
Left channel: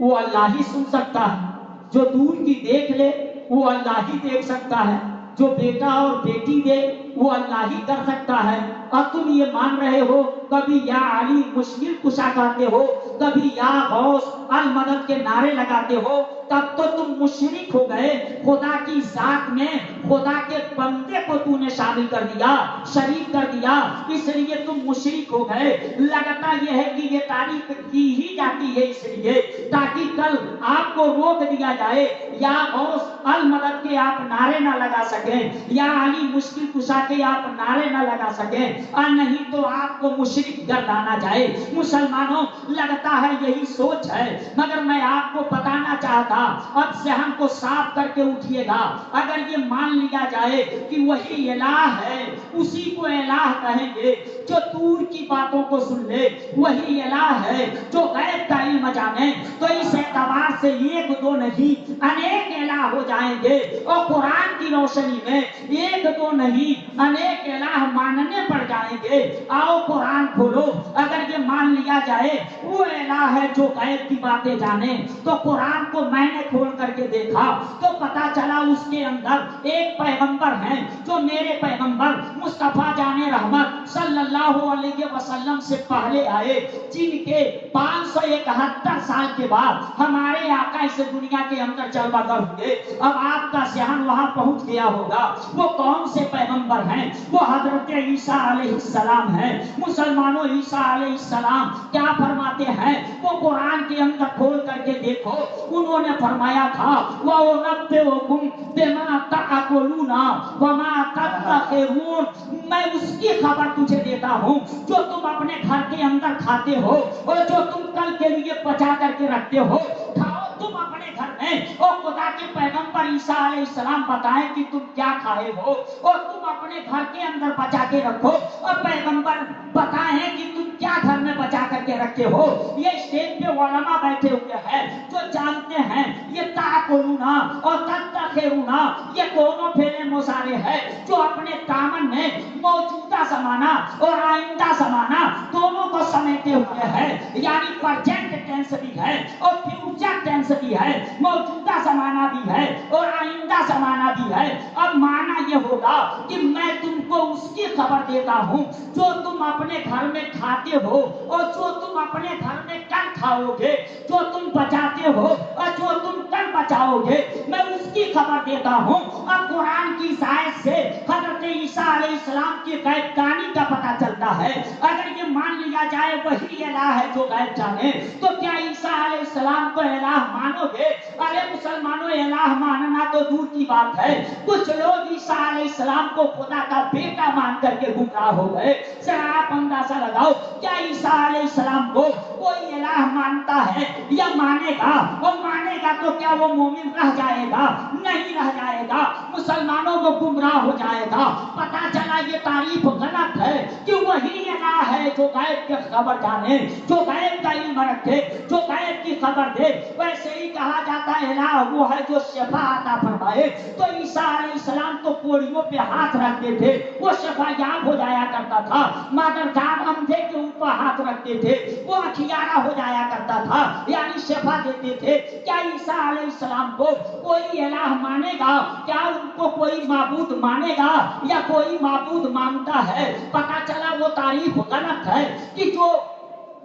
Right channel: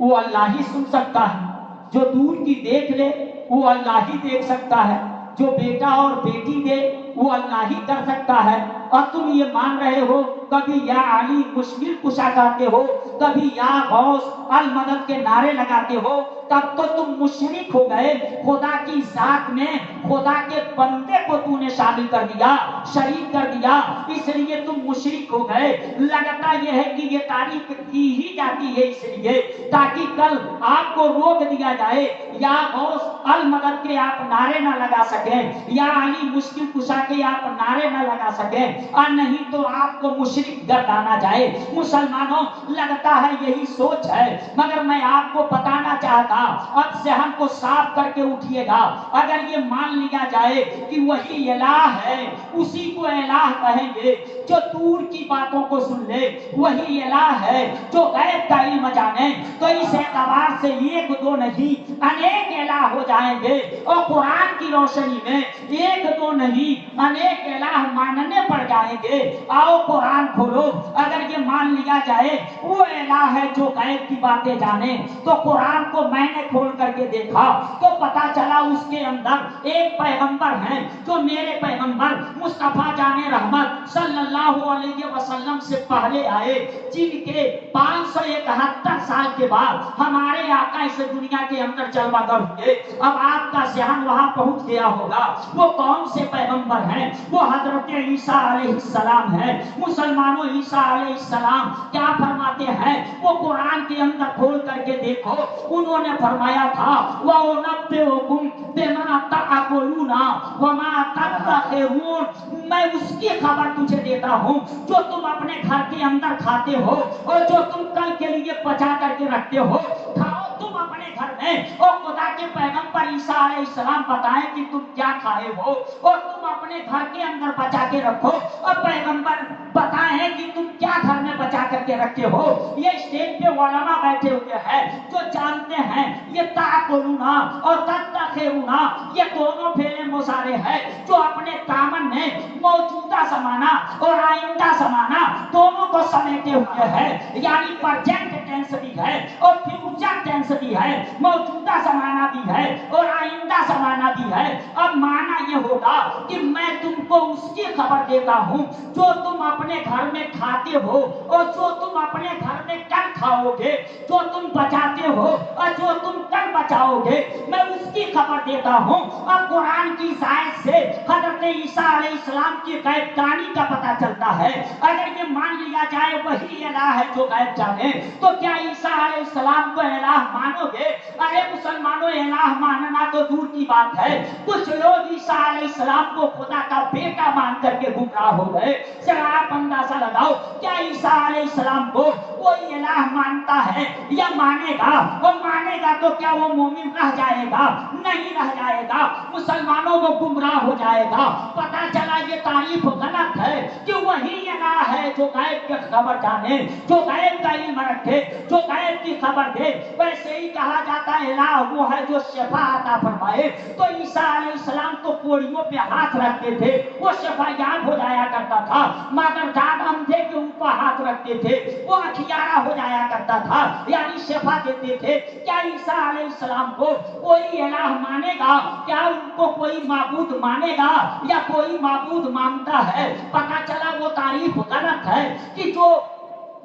وہ اللہ ہی سن سکتا ہے، جو دور کی دیکھ لے وہ اللہ ہی دیکھ سکتا ہے، جو بیٹا اور بیٹی دے وہ اللہ ہی کر سکتا ہے۔ اور تم یہ مان رہے ہو، کبھی یا علی مشکل کشا کہتے ہو، کبھی یا غوث المدد کے نعرے لگاتے ہو، تب تو تم مشرک ہو گئے۔ خدا کی ذات میں خدا کے بندے کو تو نے شامل کر دیا، شریک کر دیا، اس لیے تم مشرک ہو گئے۔ لگتا یہ ہے کہ یہ تعریف کی ہی جاتی ہے اس لیے تاکہ کل آپ کو روک دیا جائے، یا غوث المدد کے آپ نعرے نہ لگا سکیں، یا علی مشکل کشا کے آپ نعرے نہ لگا سکیں، اور نہیں تو آپ کو مشرک گردانا جائے۔ مسلمانوں، لگتا ہے یہی سوچ ہے، مگر میں آپ کو بتانا چاہتا، اب ذہن کو صاف کر کے اٹھیے گا۔ اگر یہ مان لیا جائے کہ وہی الہ ہے، اسی کو الہ کہیں گے جو دور کی باتوں کو سن لے، وہی الہ ہے جو غیب کا علم جانے، تو اس اعتبار سے ایک دو نہیں انیک الہ ہو جائیں گے، اور قرآن کی روشنی میں ایک دو نہیں انیک الہ ماننے پڑ جائیں گے۔ آؤ قرآن کھولو، اگر یہ مان لیا جائے وہ الہ ہے جو غیب کی باتیں جانے، تو قرآن کو میں نے کھول کر کے دیکھا تو پتا چلا اس کے اندر ایک پیغمبر ہیں جو میرے پیغمبر مصطفیٰ جان رحمت صلی اللہ علیہ وسلم سے پہلے آئے، جن کے 571 سال کے بعد ہمارے آقا اس دنیا کے اندر چلوا کر ہوئے۔ اب آپ کا ذہن وہاں پہنچ گیا ہوگا، وہ کون سے پیغمبر ہیں؟ وہ حضرت عیسیٰ علیہ السلام ہیں۔ مسلمانوں، عیسیٰ علیہ السلام کیا فرماتے ہیں؟ وہ قرآن کے اندر کھول کر کے دیکھو، انہوں نے فرمایا تھا وَأُنَبِّئُكُم بِمَا تَأْكُلُونَ وَمَا تَدَّخِرُونَ، میں اس کی خبر تجھے دیتا ہوں جو تم اپنے گھر کے اندر کھاتے ہو اور جو تم کل کے لیے بچا کر کے رکھتے ہو۔ کھاؤ تم اپنے گھر میں، اور خدا کے پیغمبر عیسیٰ علیہ السلام بتائیں کہ تم کیا کھائے ہو اور تم اپنے گھر کے اندر بچا کے رکھو، اور پیغمبر بتائیں کہ تم کیا گھر میں بچا کر کے رکھتے ہو۔ یہ اسٹیج پہ علماء بیٹھے ہوئے ہیں جو جانتے ہیں یہ تأکلون اور تدخرون یہ دونوں فعل مضارع ہے جو اپنے دامن میں موجودہ زمانہ اور آئندہ زمانہ دونوں کو سمیٹے ہوئے ہے، یعنی پرزینٹ ٹینس بھی ہے اور فیوچر ٹینس بھی ہے، موجودہ زمانہ بھی ہے اور آئندہ زمانہ بھی ہے۔ اب معنی یہ ہوگا کہ میں تم کو اس کی خبر دیتا ہوں جو تم اپنے گھر میں کھاتے ہو اور جو تم اپنے گھر میں کل کھاؤ گے، جو تم بچاتے ہو اور جو تم کل بچاؤ گے، میں اس کی خبر دیتا ہوں۔ اب قرآن کی زائد سے حضرت عیسیٰ علیہ السلام کی غیب دانی کا پتہ چلتا ہے۔ اگر یہ مان لیا جائے وہی الہ ہے جو غیب جانے، تو کیا عیسیٰ علیہ السلام کو الہ مانو گے؟ ارے مسلمانوں، الہ ماننا تو دور کی بات ہے، کچھ لوگ عیسیٰ علیہ السلام کو خدا کا بیٹا مان کر کے گمراہ ہو گئے۔ ذرا آپ اندازہ لگاؤ، کیا عیسیٰ علیہ السلام کو کوئی الہ مانتا ہے یا مانے گا؟ اور مانے گا تو کیا وہ مومن رہ جائے گا؟ نہیں رہ جائے گا، مسلمانوں کو گمراہ ہو جائے گا۔ پتا چلا یہ تعریف غلط ہے کہ وہی الہ ہے جو غیب کی خبر جانے، جو غیب کا علم رکھے، جو غیب کی خبر دے۔ ویسے ہی کہا جاتا ہے الہ وہ ہے جو شفا عطا فرمائے، تو عیسیٰ علیہ السلام تو کوڑیوں پہ ہاتھ رکھتے تھے، وہ شفا یاب ہو جایا کرتا تھا، مگر جب اندھے کے اوپر ہاتھ رکھتے تھے وہ اٹھیارہ ہو جایا کرتا تھا، یعنی شفا دیتے تھے. کیا عیسیٰ علیہ السلام کو کوئی الہ مانے گا؟ کیا ان کو کوئی معبود مانے گا یا کوئی معبود مانتا ہے؟ پتا چلا وہ تعریف غلط ہے کہ جو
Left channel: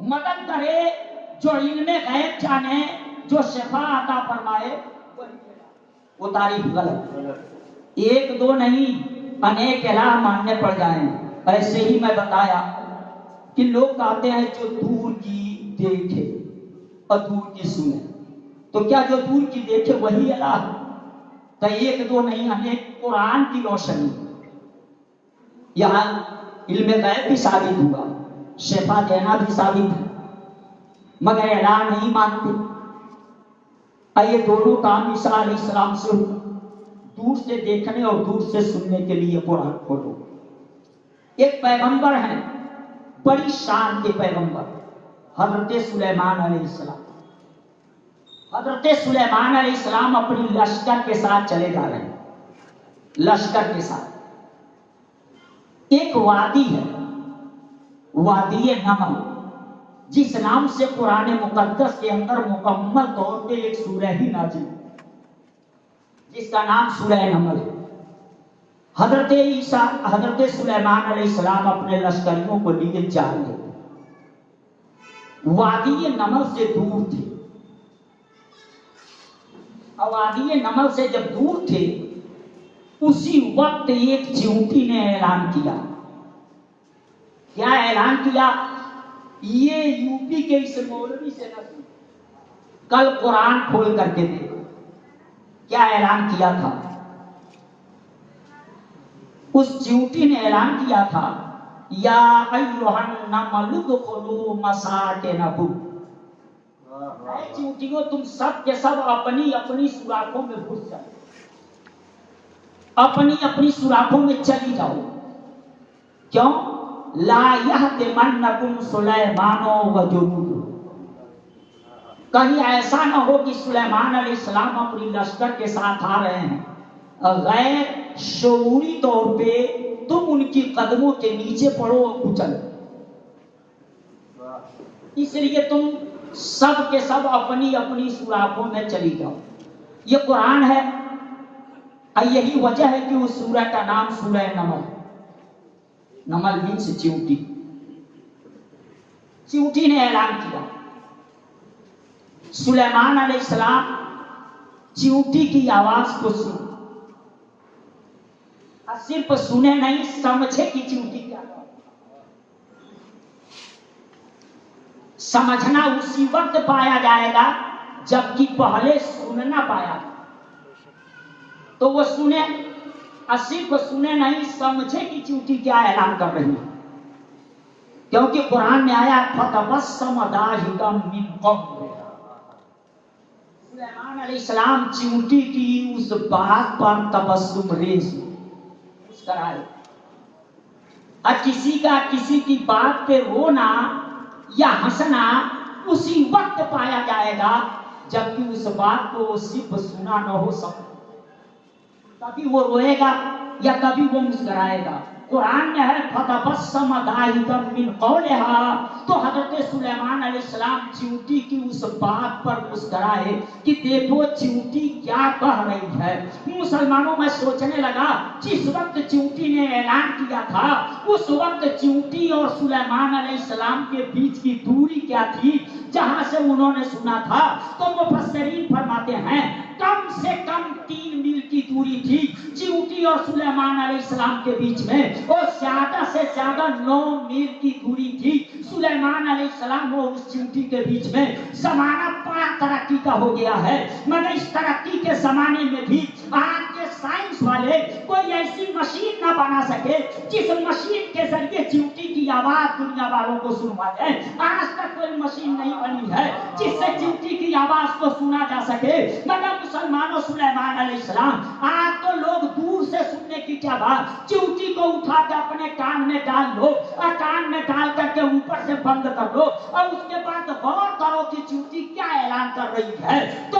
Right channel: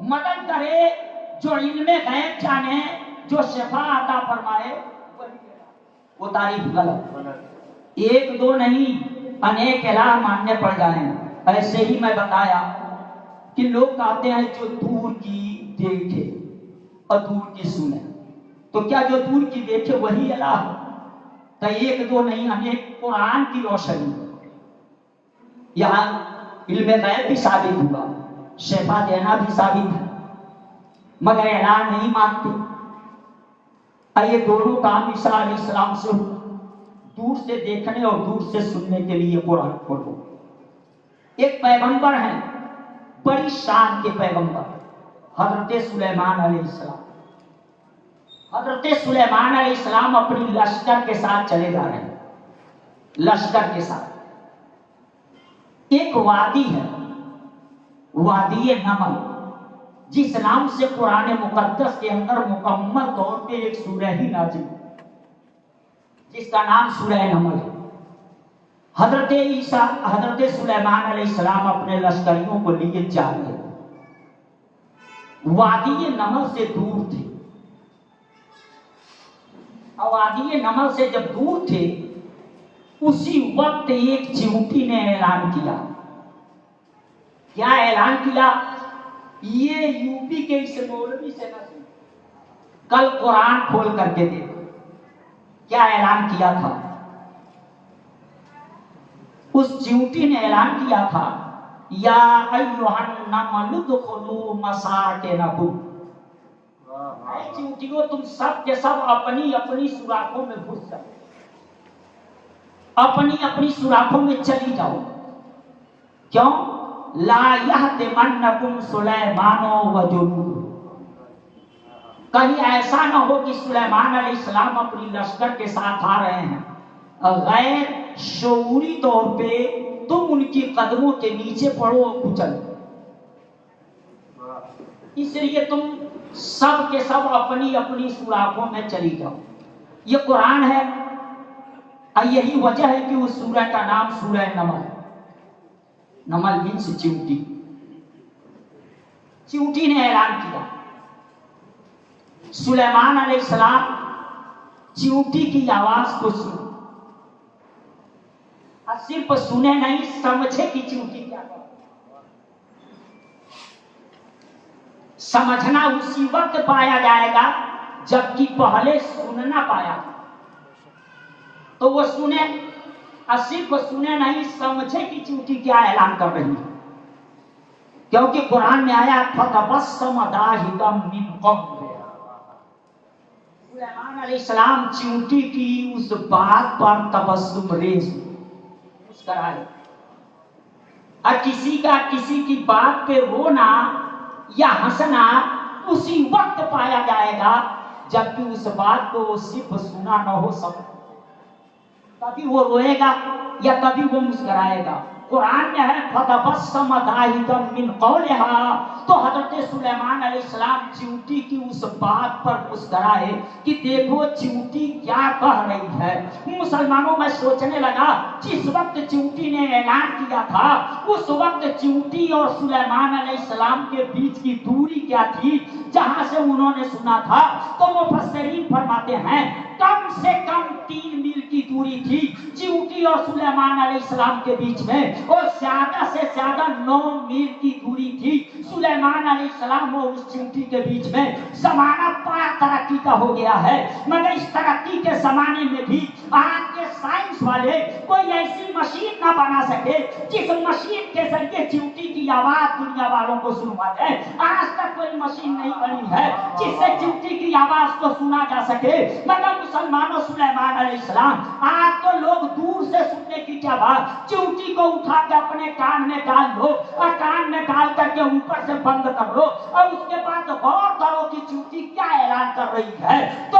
مدد کرے، جو علم غیب جانے، جو شفا عطا فرمائے، وہ تعریف غلط. ایک دو نہیں، انیک الہ ماننے پڑ جائیں. ایسے ہی میں بتایا کہ لوگ کہتے ہیں جو دور کی دیکھے اور دور کی سنے. تو کیا جو دور کی دیکھے وہی الہ؟ تو ایک دو نہیں، انیک. قرآن کی روشنی یہاں علم غیب بھی ثابت ہوا، شفا دینا بھی ثابت ہے، مگر الہ نہیں مانتے. یہ دونوں کام عیسیٰ علیہ السلام سے ہوا. دور سے دیکھنے اور دور سے سننے کے لیے قرآن پڑھو. ایک پیغمبر ہیں، بڑی شان کے پیغمبر، حضرت سلیمان علیہ السلام. حضرت سلیمان علیہ السلام اپنی لشکر کے ساتھ چلے جا رہے ہیں. لشکر کے ساتھ ایک وادی ہے، وادی نمل، جس نام سے قرآن مقدس کے اندر مکمل طور پہ ایک سورہ ہی نازل، جس کا نام سورہ نمل ہے. حضرت سلیمان علیہ السلام اپنے لشکریوں کو لیے جا رہے تھے. وادی نمل سے دور تھے. وادی نمل سے جب دور تھے، اسی وقت ایک چیونٹی نے اعلان کیا. کیا اعلان کیا؟ یہ یو پی کے اس مولوی سے نہ سن، کل قرآن کھول کر کے دے. کیا اعلان کیا تھا؟ اس چیونٹی نے اعلان کیا تھا، یا ایھا النمل ادخلوا مساکنکم. اے چیونٹیوں، تم سب کے سب اپنی اپنی سوراخوں میں گھس جاؤ، اپنی اپنی سوراخوں میں چلی جاؤ. کیوں؟ لا یحطمنکم سلیمان وجنودہ. کہیں ایسا نہ ہو کہ سلیمان علیہ السلام اپنی لشکر کے ساتھ آ رہے ہیں، غیر شعوری طور پہ تم ان کی قدموں کے نیچے پڑو اور کچل. اس لیے تم سب کے سب اپنی اپنی سوراخوں میں چلی جاؤ. یہ قرآن ہے، اور یہی وجہ ہے کہ اس سورہ کا نام سورہ نمل. نمل مینس چیونٹی. چیونٹی نے اعلان کیا. سلیمان علیہ السلام چیونٹی کی آواز کو سن، اور صرف سنے نہیں، سمجھے کہ چیونٹی کیا ہے. سمجھنا اسی وقت پایا جائے گا جبکہ پہلے سننا پایا. تو وہ سنے، اور صرف سنے نہیں، سمجھے کہ چیونٹی کیا اعلان کر رہی ہے. کیونکہ قرآن میں آیا فتبسم ضاحکا من قولها. سلیمان علیہ السلام چیونٹی کی اس بات پر تبسم ریز مسکرائے. اور کسی کا کسی کی بات پہ رونا یا ہنسنا اسی وقت پایا جائے گا جبکہ اس بات کو صرف سنا نہ ہو سکے. کبھی وہ روئے گا یا کبھی وہ مسکرائے گا. قرآن میں ہے فتبسم ضاحکا من قولها. تو حضرت سلیمان علیہ السلام چیونٹی کی اس بات پر مسکرائے کہ دیکھو چیونٹی کیا کہہ رہی ہے. مسلمانوں میں سوچنے لگا، جس وقت چیونٹی نے اعلان کیا تھا اس وقت چیونٹی اور سلیمان علیہ السلام کے بیچ کی دوری کیا تھی جہاں سے انہوں نے سنا تھا. تو مفسرین فرماتے ہیں کم سے کم 3 میل کی دوری تھی چیونٹی اور سلیمان علیہ السلام کے بیچ میں، اور زیادہ سے زیادہ 9 میل کی دوری تھی سلیمان علیہ السلام اور اس چیونٹی کے بیچ میں. زمانہ بڑا ترقی کا ہو گیا ہے، مگر اس ترقی کے زمانے میں بھی آج کے سائنس والے کوئی ایسی مشین نہ بنا سکے جس مشین کے ذریعے چیونٹی کی آواز دنیا والوں کو سنوا دے. آج تک کوئی مشین نہیں بنی ہے جس سے چیونٹی کی آواز کو سنا جا سکے. مگر مسلمانوں، سلیمان علیہ السلام، آج تو لوگ دور سے سننے کی کیا بات، چیونٹی کو اٹھا کے اپنے کان میں ڈال لو اور کان میں ڈال کر کے اوپر سے بند کر لو، اور اس کے بعد غور کرو کہ چیونٹی کیا اعلان کر رہی ہے. تو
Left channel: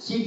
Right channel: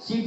CT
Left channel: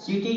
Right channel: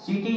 CT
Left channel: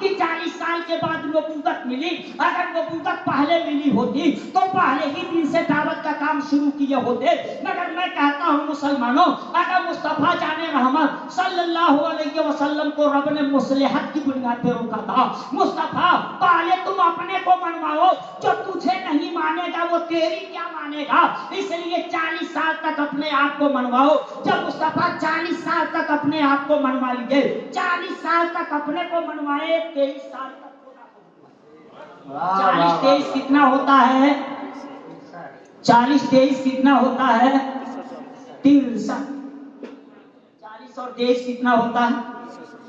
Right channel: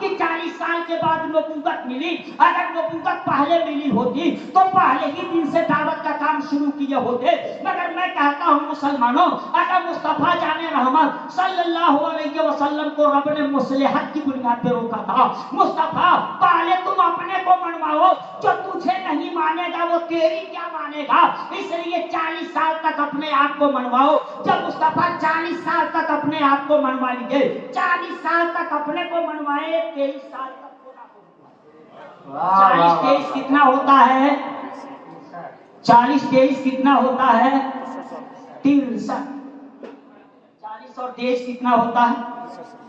کہ 40 سال کے بعد نبوت ملی. اگر نبوت پہلے ملی ہوتی تو پہلے ہی دن سے دعوت کا کام شروع کیے ہوتے. مگر میں کہتا ہوں مسلمانوں، اگر مصطفیٰ جان رحمت صلی اللہ علیہ وسلم کو رب نے مصلحت کی بنیاد پہ روکا تھا. مصطفیٰ پہلے تم اپنے کو منواؤ، جو تجھے نہیں مانے گا وہ تیری کیا مانے گا. اس لیے 40 سال تک اپنے آپ کو منواؤ. جب مصطفیٰ 40 سال تک اپنے آپ کو منوا لیجیے، 40 سال تک اپنے کو منوائے، 23 سال تک خدا کو. 40 23 کتنا ہوتا ہے؟ 40 23 کتنا ہوتا ہے؟ 63. 40 اور 23 کتنا ہوتا ہے؟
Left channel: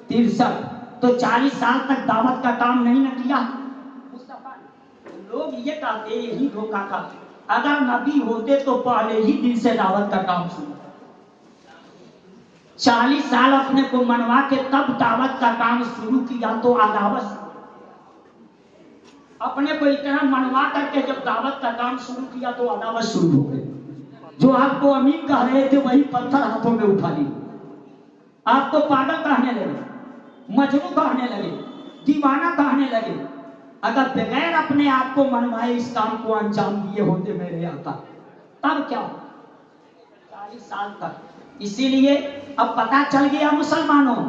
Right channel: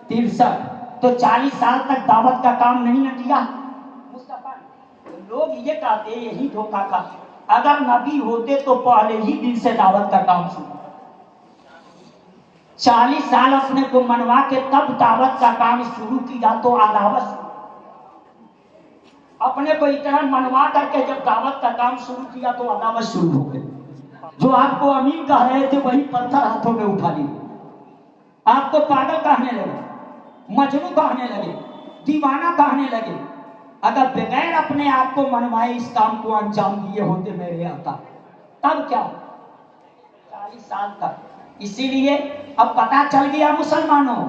63. تو 40 سال تک دعوت کا کام نہیں نہ کیا مصطفیٰ نے. لوگ یہ کہتے یہی دھوکہ تھا، اگر نبی ہوتے تو پہلے ہی دن سے دعوت کا کام شروع. 40 سال اپنے کو منوا کے تب دعوت کا کام شروع کیا تو عداوت. اپنے کو اتنا منوا کر کے جب دعوت کا کام شروع کیا تو عداوت شروع ہو گئی. جو آپ کو امین کہہ رہے تھے وہی پتھر ہاتھوں میں اٹھا لیے. آپ کو پاگل کہنے لگے، مجنون کہنے لگے، دیوانہ کہنے لگے. اگر بغیر اپنے آپ کو منوائے اس کام کو انجام دیے ہوتے میرے آقا، تب کیا 40 سال تک. اسی لیے اب پتا چل گیا مسلمانوں،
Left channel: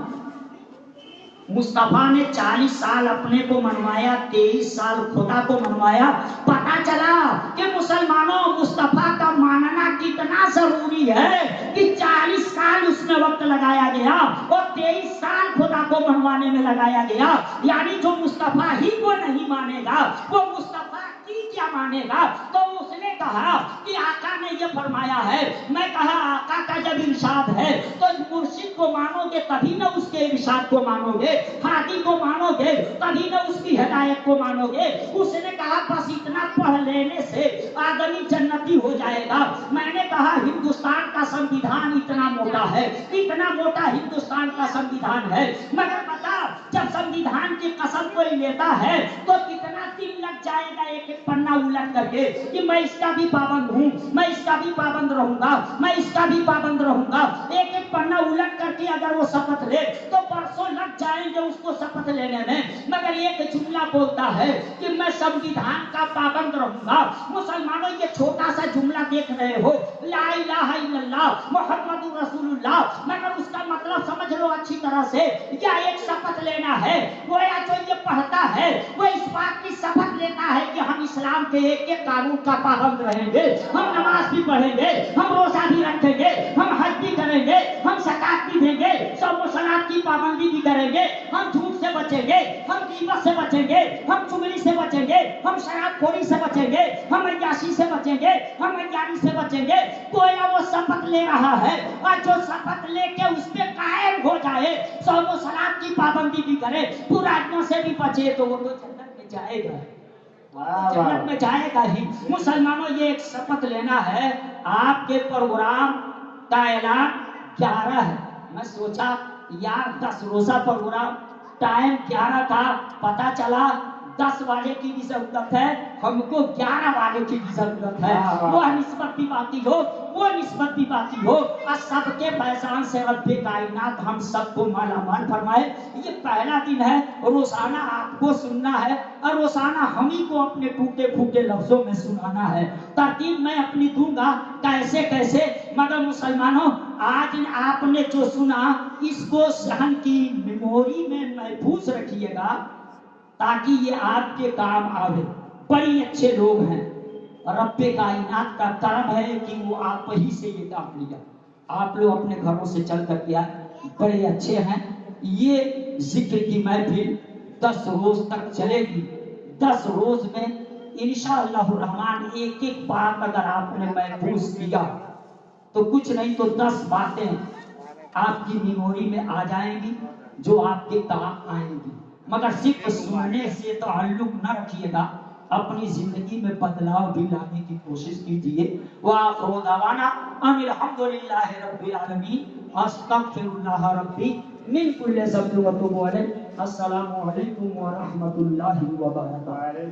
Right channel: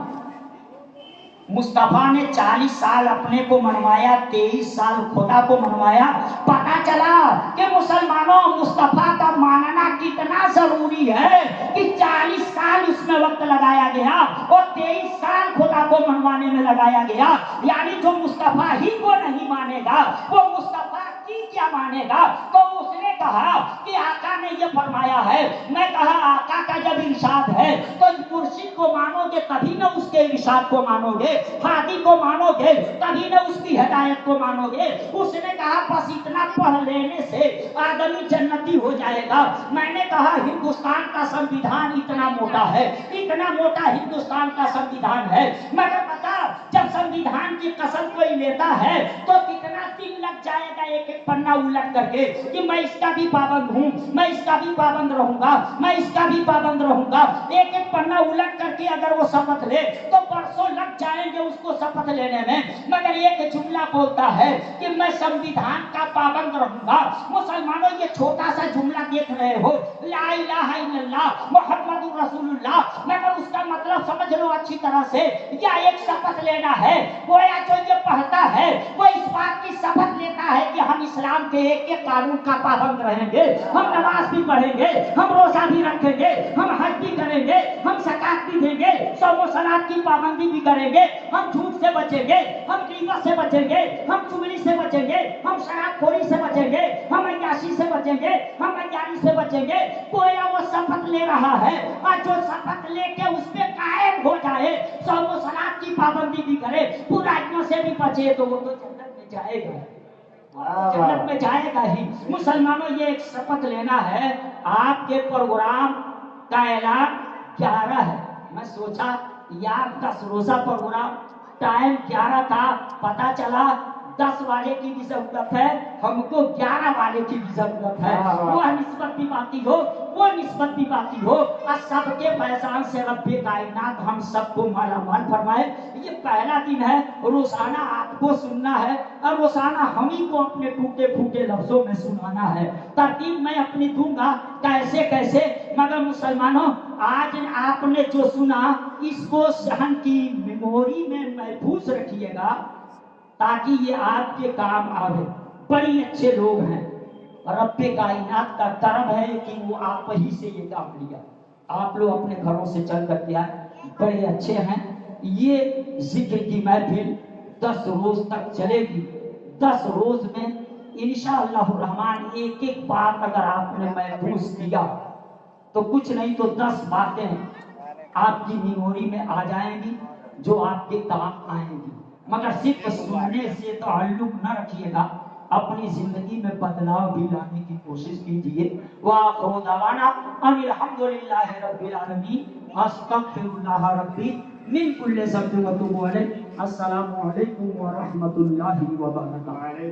مصطفیٰ نے 40 سال اپنے کو منوایا، 23 سال خدا کو منوایا. پتا چلا کہ مسلمانوں مصطفیٰ کا ماننا کتنا ضروری ہے کہ 40 سال اس میں وقت لگایا گیا اور 23 سال خدا کو منوانے میں لگایا گیا. یعنی جو مصطفیٰ ہی کو نہیں مانے گا وہ مصطفیٰ کی کیا مانے گا. تو اس نے کہا کہ آقا نے یہ فرمایا ہے. میں کہا آقا کا جب ارشاد ہے تو مرشد کو مانو گے تبھی نہ اس کے ارشاد کو مانو گے، ہادی کو مانو گے تبھی نہ اس کی ہدایت کو مانو گے. اس نے کہا بس اتنا پڑھ لینے سے آدمی جنتی ہو جائے گا. میں نے کہا ہندوستان کا سنویدھان اتنا موٹا ہے، اتنا موٹا ہندوستان کا سنویدھان ہے، مگر بتا جب سنویدھان کی قسم کوئی لیتا ہے تو کتنا دن لگ جائے گا ایک ایک پنا الٹ کر کے کہ میں اس کا بھی پابند ہوں، میں اس کا بھی پابند رہوں گا، میں اس کا بھی پابند رہوں گا. ایک ایک پنا الٹ کر کے اگر وہ شپث لے تو برسوں لگ جائیں گے اس کو شپث لینے میں. مگر ایک جملہ بولتا ہے کہ میں سنویدھان کا پابند رہوں گا. مسلمانوں یہ چھوٹا سا جملہ دیکھ رہے ہو، لا الہ الا اللہ محمد رسول اللہ، مگر اس کا مطلب سمجھ لو اچھی طرح سے. کیا ایک شپث لینا ہے؟ گویا جو یہ پڑھتا ہے وہ اس بات کی شپث لیتا ہے کہ ہم اسلام کے ایک ایک قانون کا پابند رہیں گے، ہم نماز بھی پڑھیں گے، ہم روزہ بھی رکھیں گے، ہم حج بھی کریں گے، ہم زکات بھی دیں گے، صوم و صلات کی پابندی بھی کریں گے، ہم جھوٹ سے بچیں گے، ہم غیبت سے بچیں گے، ہم چغلی سے بچیں گے، ہم شراب خوری سے بچیں گے، ہم عیاشی سے بچیں گے، ہم عیاری سے بچیں گے. گویا وہ شپث لے رہا ہے اور جو شپث لے کے اس پہ قائم ہو جائے، صوم و صلات کی پابندی بھی کرے، برائیوں سے بھی بچے تو وہ تو جنت میں جائے گا، جنت میں جائے گا ہی. مسلمانوں یہ ایک شپث لینا ہے. آپ کے پروگرام کا اعلان 11 ہے. میں سوچا یار 10 روزہ پروگرام، ٹائم 11 تھا، پتا چلا 10 والے کی بھی ضرورت ہے، ہم کو 11 والے کی بھی ضرورت ہے. وہ نسبت بھی باقی ہو، وہ نسبت بھی باقی ہو. اور سب کے فیضان سے رب کائنات ہم سب کو مالا مال فرمائے. یہ پہلا دن ہے، روزانہ آپ کو سننا ہے اور روزانہ ہم ہی کو اپنے ٹوٹے پھوٹے لفظوں میں سنانا ہے. ترتیب میں اپنی دوں گا کیسے کیسے، مگر مسلمانوں آج آپ نے جو سنا اس کو ذہن کی میموری میں محفوظ رکھیے گا تاکہ یہ آپ کے کام آئے. بڑی اچھے لوگ ہیں، رب کائنات کا کرم ہے کہ وہ آپ ہی سے یہ کام لیا. آپ لوگ اپنے گھروں سے چل کر کے آئے، بڑے اچھے ہیں. یہ ذکر کی محفل 10 روز تک چلے گی. 10 روز میں انشاءاللہ الرحمن ایک ایک بات اگر آپ نے محفوظ کیا تو کچھ نہیں تو 10 باتیں آپ کی میموری میں آ جائیں گی جو آپ کے کام آئیں گی. مگر صرف سننے سے تعلق نہ رکھیے گا، اپنی زندگی میں بدلاؤ بھی لانے کی کوشش کیجیے. وآخر دعوانا ان الحمدللہ رب العالمین، استغفر اللہ ربی من کل ذنب واتوب الیہ. السلام علیکم ورحمۃ اللہ وبرکاتہ.